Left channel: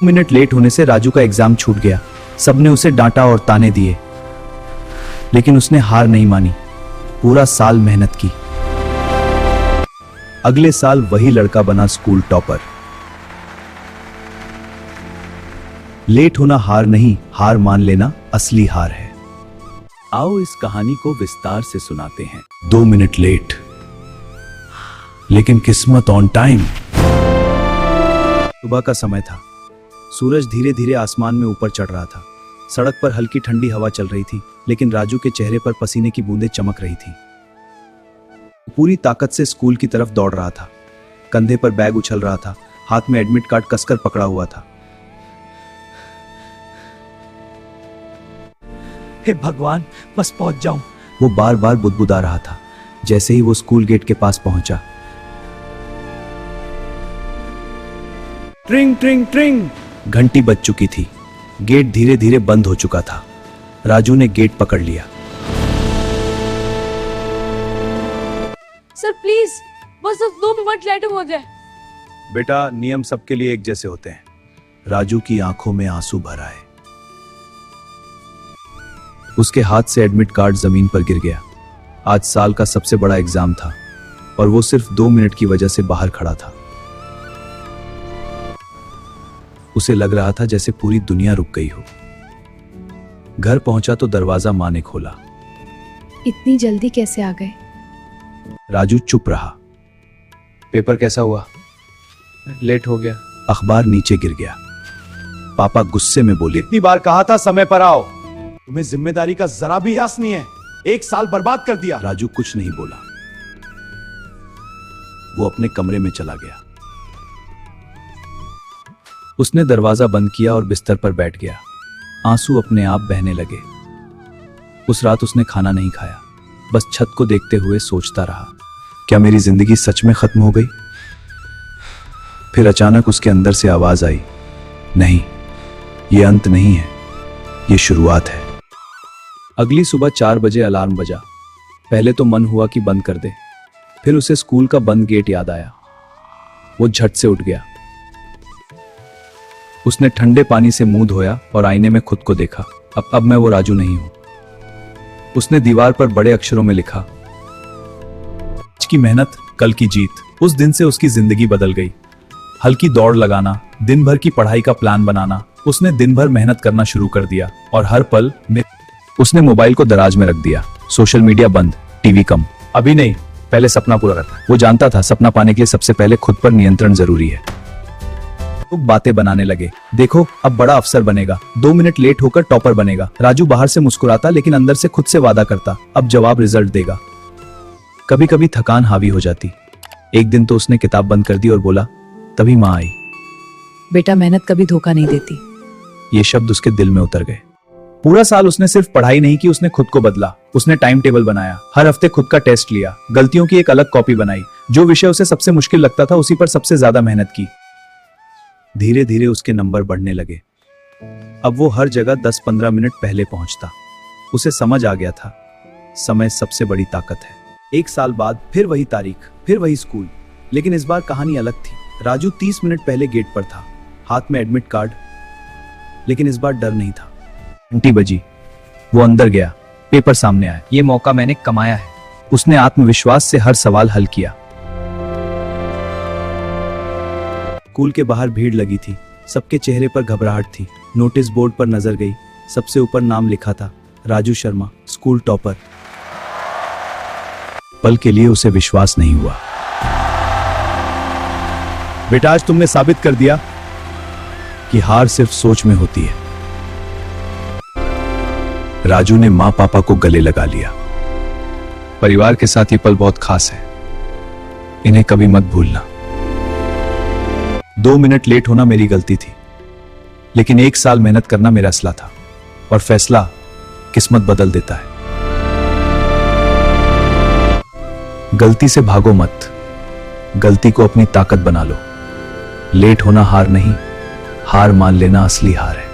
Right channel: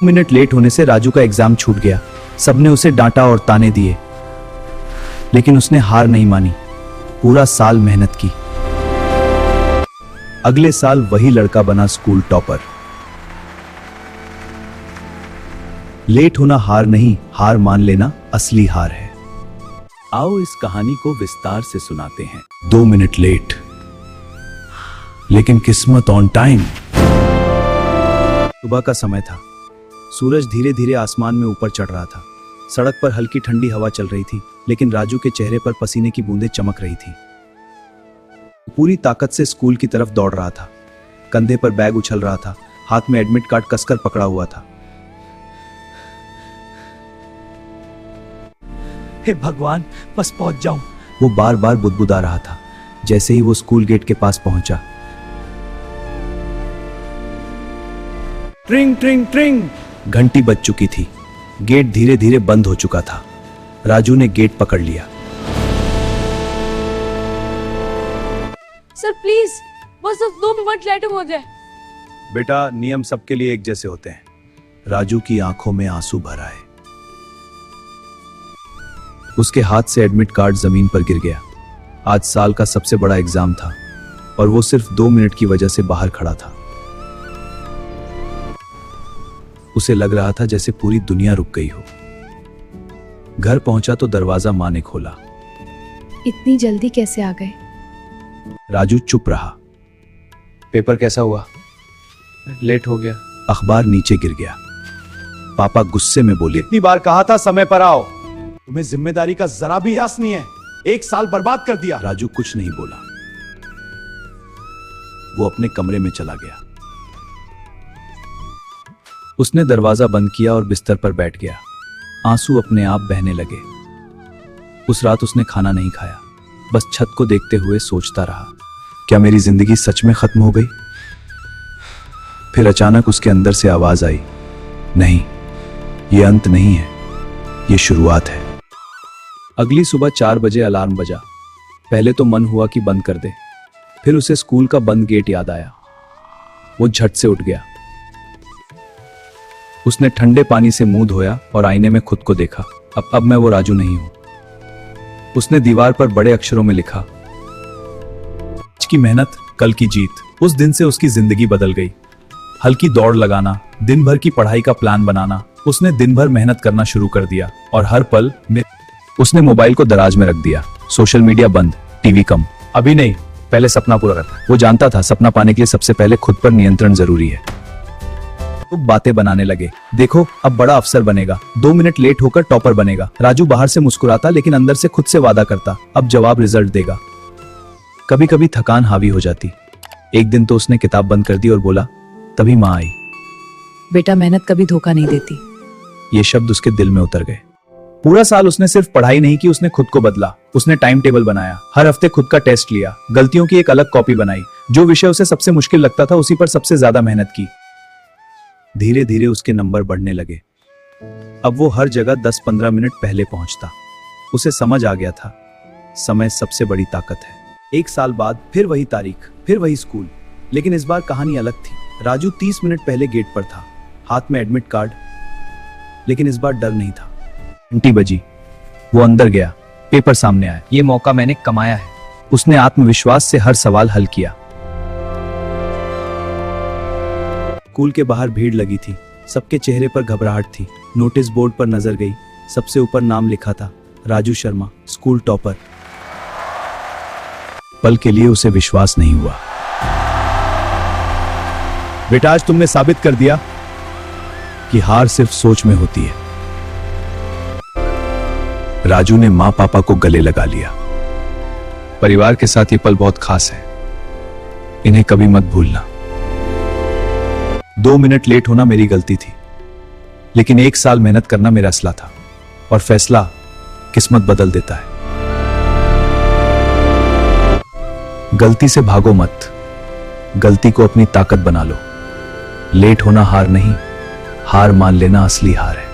Minute late होने से राजू का एग्जाम छूट गया। सबने उसे डांटा और ताने दिए, लेकिन उसने हार नहीं मानी। पूरा साल मेहनत की। अगले साल वही लड़का बना स्कूल टॉपर। लेट होना हार नहीं, हार मान लेना असली हार है। आओ इस कहानी को विस्तार से सुनाते हैं। 2 मिनट लेट, लेकिन किस्मत ऑन टाइम। सुबह का समय था। सूरज धीरे धीरे आसमान में ऊपर चढ़ रहा था। सड़क पर हल्की ठंडी हवा चल रही थी, लेकिन राजू के चेहरे पर पसीने की बूंदें चमक रही थी। पूरी ताकत से स्कूल की तरफ दौड़ रहा था। कंधे पर बैग उछल रहा था, हाथ में एडमिट कार्ड कसकर पकड़ा हुआ था। हे भगवान, बस पहुंच जाऊं, वो बार बार बुदबुदा रहा था। जैसे ही वो स्कूल गेट के पास पहुंचा, ट्रिंग ट्रिंग ट्रिंग घंटी बज चुकी थी। गेट धीरे धीरे बंद हो चुका था। राजू ने गेट पकड़ लिया। सर प्लीज, बस 2 मिनट लेट हो जाए। बेटा, नियम सबके लिए एक जैसे होते हैं। राजू की आंखों में आंसू भर आए। उसके हाथ से एडमिट कार्ड जमीन पर गिर गया। आज साल का सबसे बड़ा एग्जाम था और वो सिर्फ 2 मिनट की वजह से बाहर खड़ा था। उसे लग रहा था जैसे पूरी दुनिया रुक गई हो। घर पहुंचा तो दरवाजा माँ ने खोला। इतनी जल्दी कैसे आ गए? राजू चुप रहा। पेपर कैसा हुआ? लेट हो गया। अखबार नीचे गिर गया। पापा गुस्से में बोले, इतनी बार कहा था समय पर आओ, तुम्हें जिम्मेदारी का जरा भी एहसास नहीं है। 1 साल बर्बाद कर दिया। राजू कुछ नहीं बोला। वो अपने कमरे में चला गया। उसने दरवाजा बंद किया और बिस्तर पर बैठ गया। आंसू अपने आप बहने लगे। उस रात उसने खाना नहीं खाया, बस छत को देखते हुए सोचता रहा, क्या मेरी जिंदगी सच में खत्म हो गई? फिर अचानक उसके अंदर से आवाज आई, नहीं, ये अंत नहीं है, ये शुरुआत है। अगली सुबह 4 बजे अलार्म बजा। पहले तो मन हुआ कि बंद कर दे, फिर उसे स्कूल का बंद गेट याद आया। वो झट से उठ गया। उसने ठंडे पानी से मुंह धोया और आईने में खुद को देखा। अब मैं वो राजू नहीं हूं। उसने दीवार पर बड़े अक्षरों में लिखा, आज की मेहनत, कल की जीत। उस दिन से उसकी जिंदगी बदल गई। हल्की दौड़ लगाना, दिन भर की पढ़ाई का प्लान बनाना। उसने दिन भर मेहनत करना शुरू कर दिया और हर पल में उसने मोबाइल को दराज में रख दिया। सोशल मीडिया बंद, टीवी कम। अभी नहीं, पहले सपना पूरा कर। वो जानता था सपना पाने के लिए सबसे पहले खुद पर नियंत्रण जरूरी है। तो बातें बनाने लगे, देखो अब बड़ा अफसर बनेगा, 2 मिनट लेट होकर टॉपर बनेगा। राजू बाहर से मुस्कुराता, लेकिन अंदर से खुद से वादा करता, अब जवाब रिजल्ट देगा। कभी कभी थकान हावी हो जाती। एक दिन तो उसने किताब बंद कर दी और बोला, तभी माँ आई। बेटा, मेहनत कभी धोखा नहीं देती। ये शब्द उसके दिल में उतर गए। पूरा साल उसने सिर्फ पढ़ाई नहीं की, उसने खुद को बदला। उसने टाइम टेबल बनाया, हर हफ्ते खुद का टेस्ट लिया, गलतियों की एक अलग कॉपी बनाई। जो विषय उसे सबसे मुश्किल लगता था उसी पर सबसे ज्यादा मेहनत की। धीरे धीरे उसके नंबर बढ़ने लगे। अब वो हर जगह 10-15 मिनट पहले पहुंचता। उसे समझ आ गया था, समय सबसे बड़ी ताकत है। 1 साल बाद फिर वही तारीख, फिर वही स्कूल, लेकिन इस बार कहानी अलग थी। राजू 30 मिनट पहले गेट पर था, हाथ में एडमिट कार्ड, लेकिन इस बार डर नहीं था। घंटी बजी, वो अंदर गया। पेपर सामने आया। ये मौका मैंने कमाया है। उसने आत्मविश्वास से हर सवाल हल किया। स्कूल के बाहर भीड़ लगी थी। सबके चेहरे पर घबराहट थी। नोटिस बोर्ड पर नजर गई। सबसे ऊपर नाम लिखा था, राजू शर्मा, स्कूल टॉपर। पल के लिए उसे विश्वास नहीं हुआ। बेटा, आज तुमने साबित कर दिया कि हार सिर्फ सोच में होती है। राजू ने माँ पापा को गले लगा लिया। परिवार के साथ ये पल बहुत खास है, इन्हें कभी मत भूलना। 2 मिनट लेट होना मेरी गलती थी, लेकिन 1 साल मेहनत करना मेरा असला था। और फैसला किस्मत बदल देता है। गलती से भागो मत, गलती को अपनी ताकत बना लो। लेट होना हार नहीं, हार मान लेना असली हार है।